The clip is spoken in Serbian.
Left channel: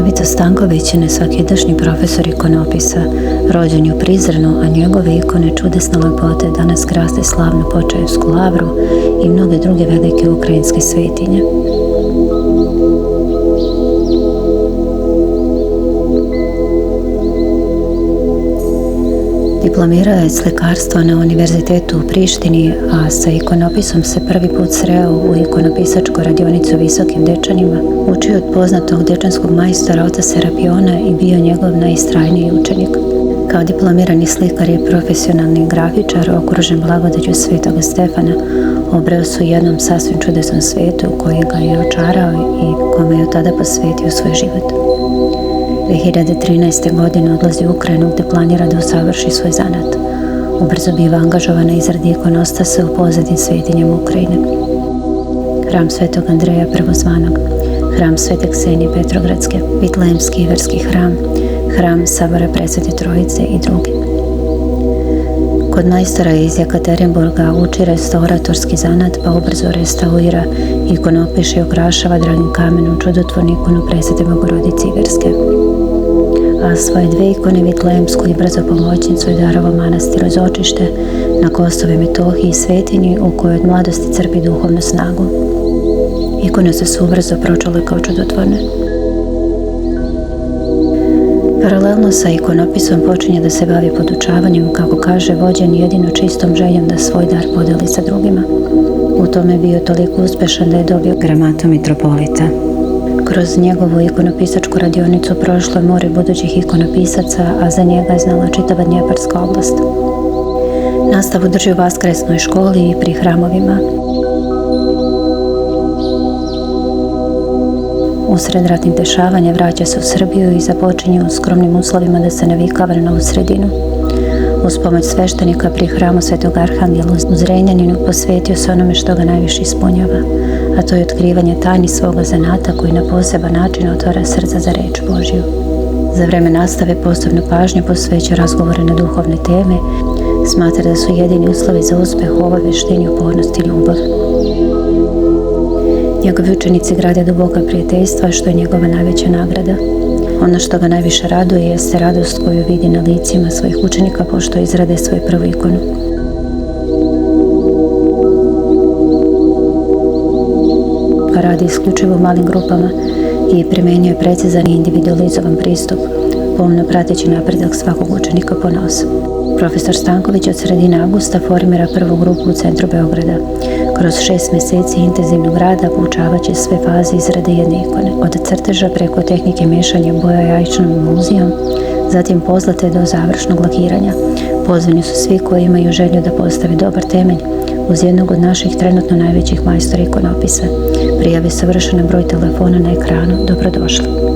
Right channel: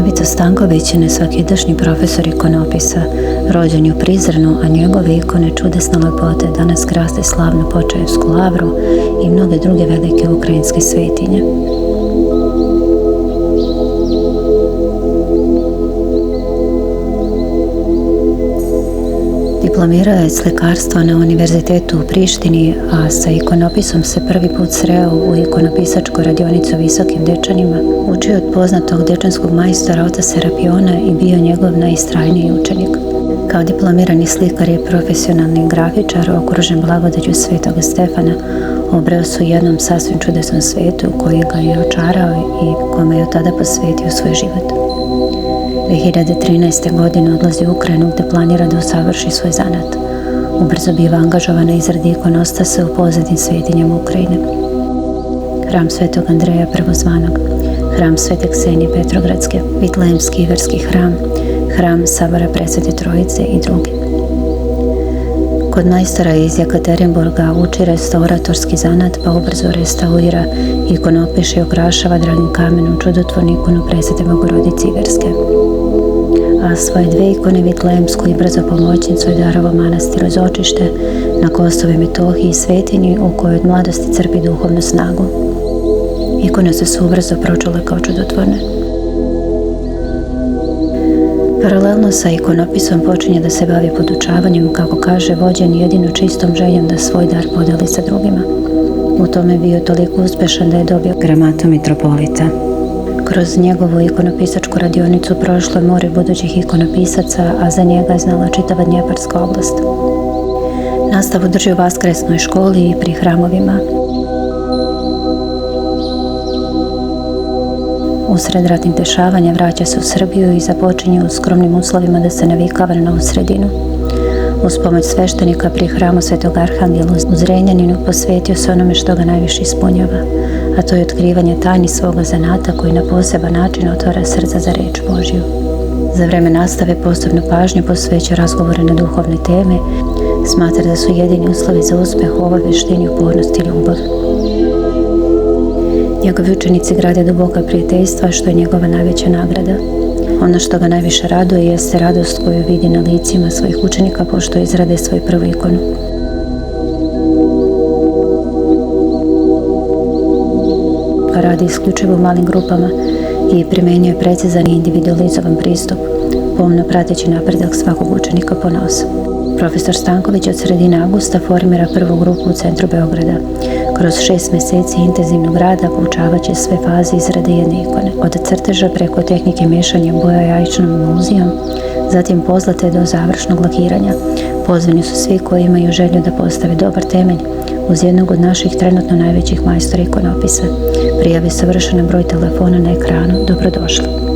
Novica Stanković je nesvakidašnji profesor ikonopisa, rođen u Prizrenu, a njegove ikone čudesne lepote danas krase slavnu Počaevsku lavru i mnoge druge velike ukrajinske svetinje. Diplomirao je slikarstvo na Univerzitetu u Prištini, a sa ikonopisom se prvi put sreo u ikonopisačku radionicu u Visokim Dečanima, učio od poznatog dečanskog majstora oca Serapiona i bio njegov najistrajniji učenik. Kao diplomirani slikar i profesionalni grafičar, okružen blagodaću Svetoga Stefana, obreo se u jednom sasvim čudesnom svetu koji ga je očarao i kome je od tada posvetio svoj život. 2013. godine odlazi u Ukrajinu gdje planira da usavrši svoj zanat. Ubrzo biva angažovan na izradi ikonostasa u poznatim svetinjama Ukrajine. Hram Svetog Andreja Prvozvanog, hram Svete Ksenije Petrogradske, Vitlejemski Iverski hram, hram Sabora Presvete Trojice i drugi. Kod majstora iz Jekaterinburga uči restauratorski zanat, pa ubrzo restaurira, ikonopiše i okrašava dragim kamenom čudotvornu ikonu Presvete Bogorodice Iverske. A svoje dve ikone, Vitlejemsku i Brzo pomoćnicu, je darovao manastiru Zočište na Kosovu i Metohiji, svetinji u kojoj od mladosti crpi duhovnu snagu. Ikone su ubrzo pročule kao čudotvorne. Paralelno sa ikonopisom počinje da se bavi podučavanjem, kako kaže, vođen jedino čistom željom da svoj dar podeli sa drugima. U tome je bio toliko uspešan da je dobio gramatu mitropolita. Kroz njegovu ikonopisačku radionicu prošlo je more budućih ikonopisaca, a za njega je znala čitava Dnjeparska oblast. Nastavu drži u Vaskresnoj školi i pri hramovima. Usred ratnih dešavanja vraća se u Srbiju i započinje u skromnim uslovima da se navikava na novu sredinu. Uz pomoć sveštenika pri hramu Svetog Arhangela u Zrenjaninu posvetio se onome što ga najviše ispunjava, a to je otkrivanje tajni svoga zanata koji na poseban način otvara srca za reč Božju. Za vreme nastave posebnu pažnju posvećuje razgovore na duhovne teme, smatra da su jedini uslovi za uspeh u ovoj veštini upornost i ljubav. Njegovi učenici grade duboka prijateljstva, što je njegova najveća nagrada. Ono što ga najviše raduje jeste radost koju vidi na licima svojih učenika pošto izrade svoju prvu ikonu. Radi isključivo u malim grupama i primenjuje precizan i individualizovan pristup, pomno prateći napredak svakog učenika ponaosob. Profesor Stanković od sredine avgusta formira prvu grupu u centru Beograda. Kroz 6 mjeseci intenzivnog rada poučavaće sve faze izrade jedne ikone. Od crteža preko tehnike mešanja boja jajčanom emulzijom, zatim pozlate do završnog lakiranja. Pozvani su svi koji imaju želju da postave dobar temelj uz jednog od naših trenutno najvećih majstora ikonopisa. Prijave savršen broj telefona na ekranu. Dobrodošli.